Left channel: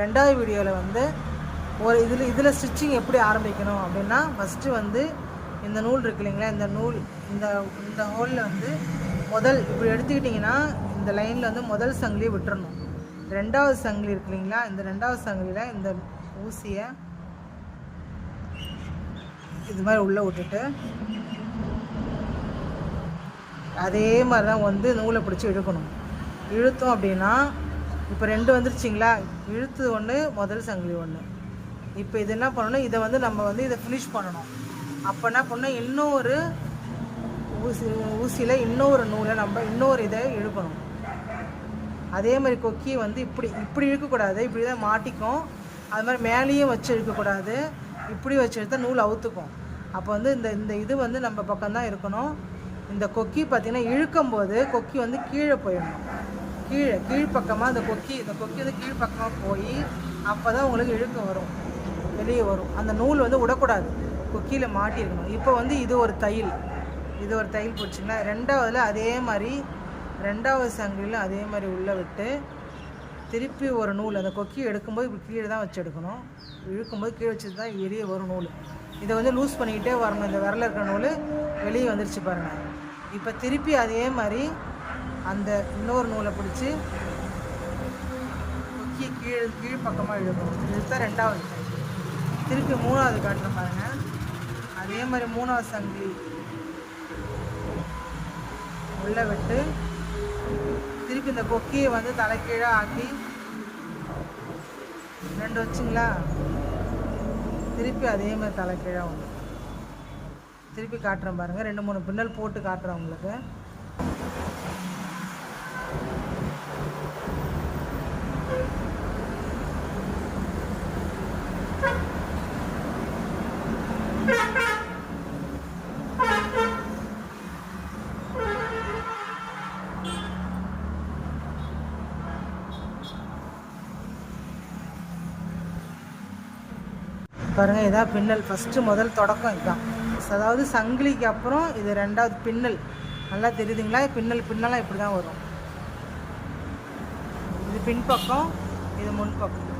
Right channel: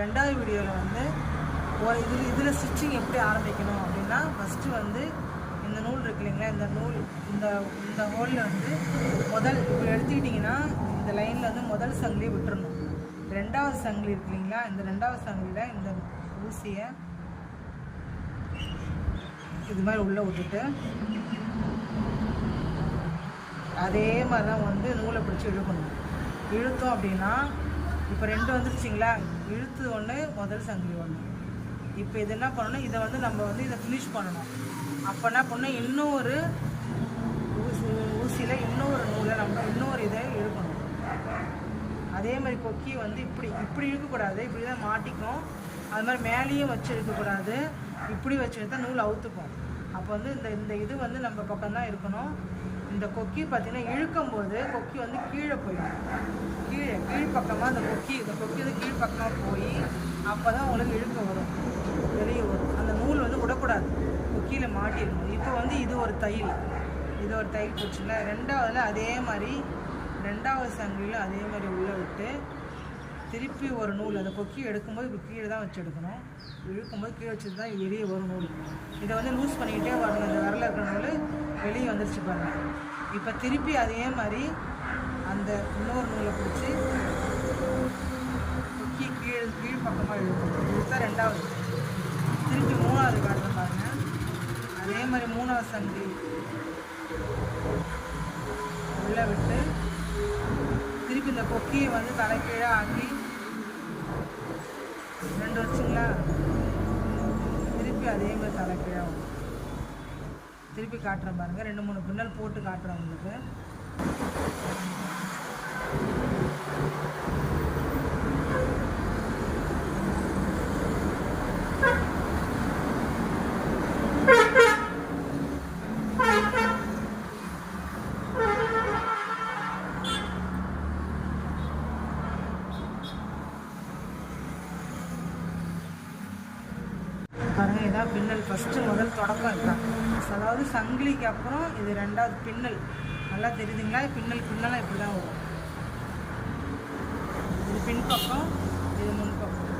ரெண்டாவது வீடியோவில் வந்து ஒரு இதில் ஸ்டிச்சிங் எப்படி ஆரம்பிக்கணும் அப்படின்னா, ஃபஸ்ட்டு வந்து இந்த நூல் இருக்கு இல்லைங்களா, இந்த நூல் இந்த ஹோலில் வந்து முதல் இப்படி எடுத்துக்கிட்டிங்கன்னா இந்த லைனில் வந்து முதல் சங்கிலி விட்டுறணும். ரெண்டாவது சங்கிலி இருக்கு இல்லைங்களா, இந்த ரெண்டாவது சங்கிலியில் இந்த ஊசியை இது மாதிரி உள்ளே விட்டுட்டு அதே மாதிரி தான் வந்து நூலை பிடிச்சி இழுக்கணும். இழுத்தோம் அப்படின்னா இப்போ ரெண்டு வந்துருச்சிங்களா, இழுத்து ஒன்று முதல் சங்கிலி ஒன்று. இப்போ இது என்ன பண்ணணும், இதை வந்து நம்ம வந்து இதை ஃபினிஷ் பண்ணணும். அப்போ என்ன பண்ணணும், இன்னொரு ஊசியில் இன்னொரு நூலை நம்ம இன்னொரு இதை இழுக்கணும். அதே மாதிரி கொக்கி வந்து இப்படி இழுக்கக்கூடாது, இப்படி தான் மாட்டிக்கும். அது மாதிரி மேலேயும் வச்சு இழுக்கக்கூடாது, இப்படி வச்சு எடுத்தால் நூல் அவுத்துக்கும். அப்போ வந்து இந்த இது வந்து நம்ம பக்கம்தான் இருக்கணும். இந்த கொக்கி பார்த்திங்கன்னா இழுக்கும் போது கொக்கி வந்து கீழே போயிடும். கீழ்ப்பக்கமாக இந்த கொக்கி வந்து கீழ்ப்பக்கமாக போய் அப்போ தான் உங்களுக்கு இழுக்க வரும், வெளியே வரும். அந்த நூல் வந்து விடக்கூடாது, கொக்கியில் மாட்டிடணும். இப்போ வந்து இது ஒரு தையல் போச்சுங்களா. ரெண்டாவதுல அதே மாதிரி ரெண்டாவது சங்கிலியில் அதே மாதிரி உள்ளே விட்டு திருப்பி ஒரு நூல் அந்த கொக்கி எடுக்கும்போது இப்படி கீழே தான் வச்சு எடுக்கணும். இழுக்கும்போது கீழே வச்சு தான் வெளியே வரும் நூல். இதை வந்து லூஸ் பண்ணிக்கிட்டே வரணும். இந்த விரலில் இருக்கிற நூல் வெளியே வந்துருச்சு பாருங்கள். இப்போ திருப்பி அதே மாதிரி அந்த இன்னொரு நூலை பிடிச்சி கொக்கி கீழ்ப்பக்கமாக இழுக்கணும். இதுதான் ரெண்டாவது. திருப்பி மூணாவது காட்டுற பாருங்க. அதே மாதிரி மூணாவது சங்கிலி உள்ளே விட்டு திருப்பி இந்த கொக்கியை வந்து தலைக்கீழே ஆக்கி ரெண்டு வச்சிங்களா, திருப்பி அதே மாதிரி தலைக்கீழே வந்து திருப்பி காட்டுறேன் பாருங்கள். 2-3 பின்னல் போட்டு காட்டுறேன் உங்களுக்கு. பாருங்கள், இதான் பின்னல். ஃபஸ்ட்டு முதல் தொடக்கம் இதுதான். அதாவது சங்கிலிக்கு அப்புறம் இது ரெண்டாவது பின்னல். நல்லா தெரியுதுங்களா, பின்னலாக இப்படி தான் வரும். இது பின்பக்கம், இது முன்பக்கம்.